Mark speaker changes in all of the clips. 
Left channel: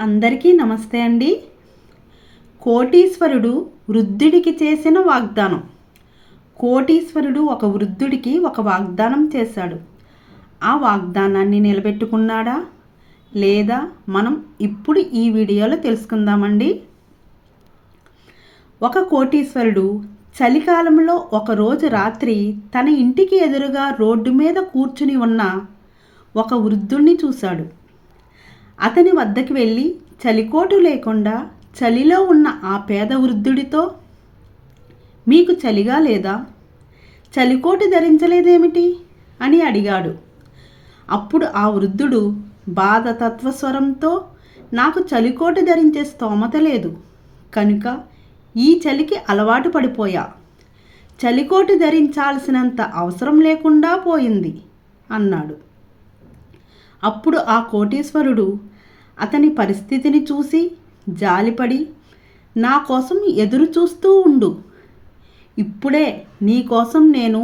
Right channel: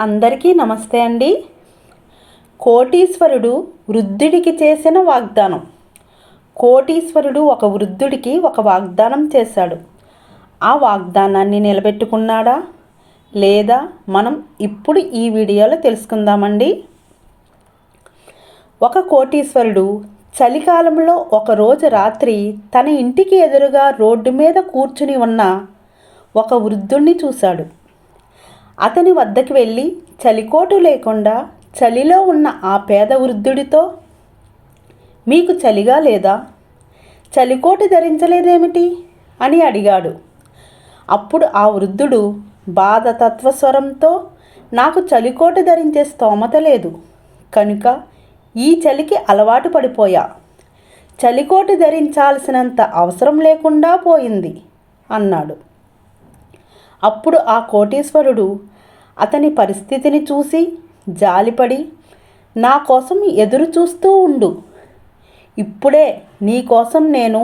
Speaker 1: అందరికీ నమస్తే అండి. కోటీశ్వరుడు వృద్ధుడికి చేసిన వాగ్దానం. కోటీశ్వరుడు ఒక వృద్ధుడికి ఒక వాగ్దానం చేశాడు. ఆ వాగ్దానాన్ని నిలబెట్టుకున్నాడా? లేదా మనం ఇప్పుడు ఈ వీడియోలో తెలుసుకుందామండి. ఒక కోటీశ్వరుడు చలికాలంలో ఒకరోజు రాత్రి తన ఇంటికి ఎదురుగా రోడ్డు మీద కూర్చుని ఉన్న ఒక వృద్ధుణ్ణి చూశాడు. అతని వద్దకు వెళ్ళి చలికోటు లేకుండా చలిలో ఉన్న ఆ పేద వృద్ధుడితో మీకు చలిగా లేదా? చలికోటు ధరించలేదేమిటి? అని అడిగాడు. అప్పుడు ఆ వృద్ధుడు బాధ తత్వస్వరంతో నాకు చలికోటు ధరించే స్తోమత లేదు. కనుక ఈ చలికి అలవాటు పడిపోయా. చలికోటు ధరించాల్సినంత అవసరం లేకుండా పోయింది అన్నాడు. అప్పుడు ఆ కోటీశ్వరుడు అతని పరిస్థితిని చూసి జాలిపడి నా కోసం ఎదురు చూస్తూ ఉండు. ఇప్పుడే నీ కోసం నేను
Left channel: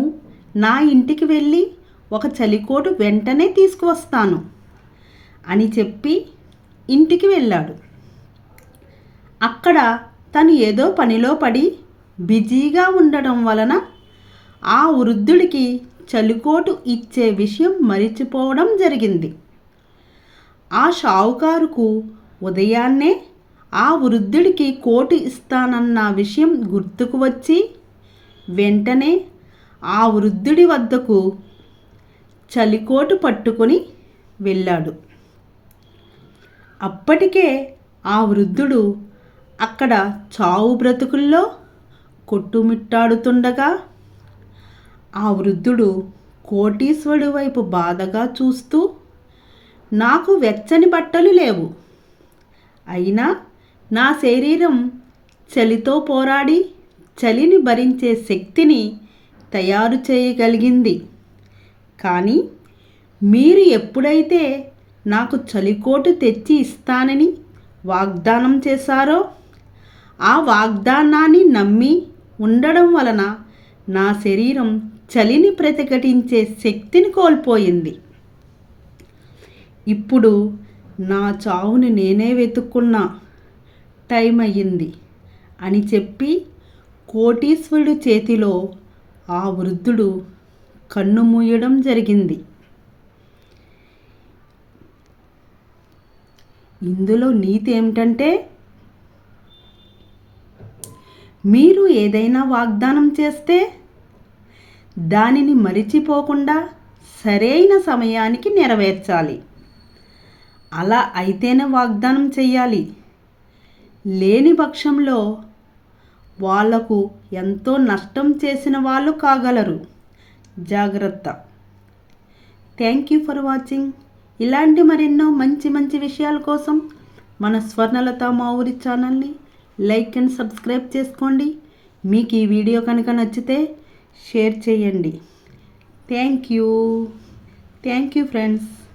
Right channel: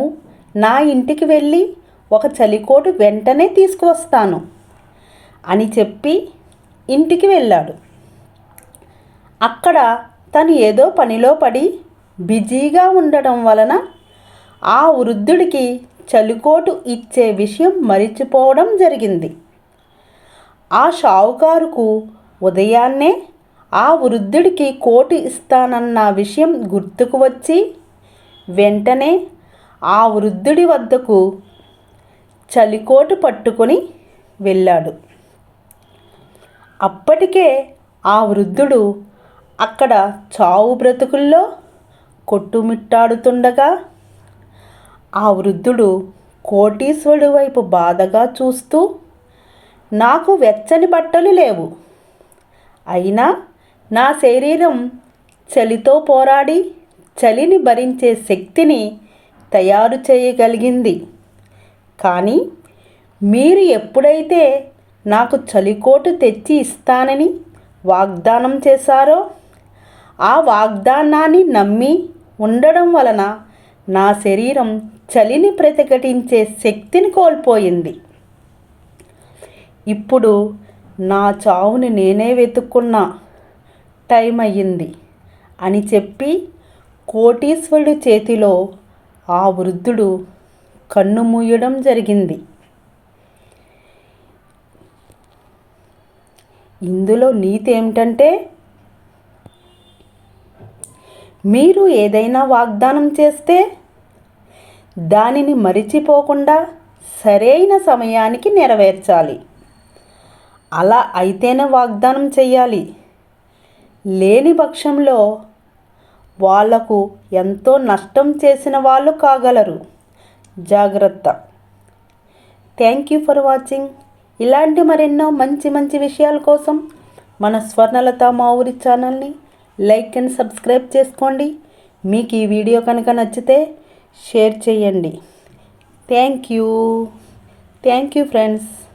Speaker 1: నా ఇంటికి వెళ్ళి ఒక చలికోటు వెంటనే తీసుకువస్తాను అని చెప్పి ఇంటికి వెళ్ళాడు. అక్కడ తను ఏదో పనిలో పడి బిజీగా ఉండడం వలన ఆ వృద్ధుడికి చలికోటు ఇచ్చే విషయం మరిచిపోవడం జరిగింది. ఆ షావుకారుకు ఉదయాన్నే ఆ వృద్ధుడికి కోటు ఇస్తానన్న విషయం గుర్తుకు వచ్చి వెంటనే ఆ వృద్ధుడి వద్దకు చలికోటు పట్టుకొని వెళ్ళాడు. అప్పటికే ఆ వృద్ధుడు అక్కడ చావు బ్రతుకుల్లో కొట్టుమిట్టాడుతుండగా ఆ వృద్ధుడు కోటీశ్వరుడి వైపు బాధగా చూస్తూ నాకు వెచ్చని బట్టలు లేవు. అయినా నా శరీరం చలితో పోరాడి చలిని భరించే శక్తిని తయారు చేయగలిగింది. కానీ మీరు ఎప్పుడైతే నాకు చలికోటు తెచ్చి ఇస్తానని వాగ్దానం చేశారో ఆ వాగ్దానాన్ని నమ్మి ఉండడం వలన నా శరీరం చలిని ప్రతిఘటించే శక్తిని కోల్పోయింది. ఇప్పుడు నా చావుని నేనే వెతుక్కున్నా. టైం అయ్యింది అని చెప్పి కోటీశ్వరుడి చేతిలో ఆ వృద్ధుడు కన్ను మూయడం జరిగింది. ఇందులో నీతి ఏమిటంటే మీరు ఏదైనా వాగ్దానం చేస్తే దానిని మరిచిపోకుండా సరైన సమయానికి నెరవేర్చాలి. అలా అయితేనే వాగ్దానం చేయాలి లేని పక్షంలో వాళ్ళకు ఎంతో నష్టం చేసిన వాళ్ళు కాగలరు. జాగ్రత్త. Thank you for watching. ఇలాంటి మరెన్నో మంచి మంచి విషయాల కోసం మన స్వర్ణలత మా ఊరి ఛానల్ని లైక్ అండ్ సబ్స్క్రైబ్ చేసుకోండి. మీకు ఈ వీడియో కనుక నచ్చితే షేర్ చేయండి. Thank you. Thank you friends.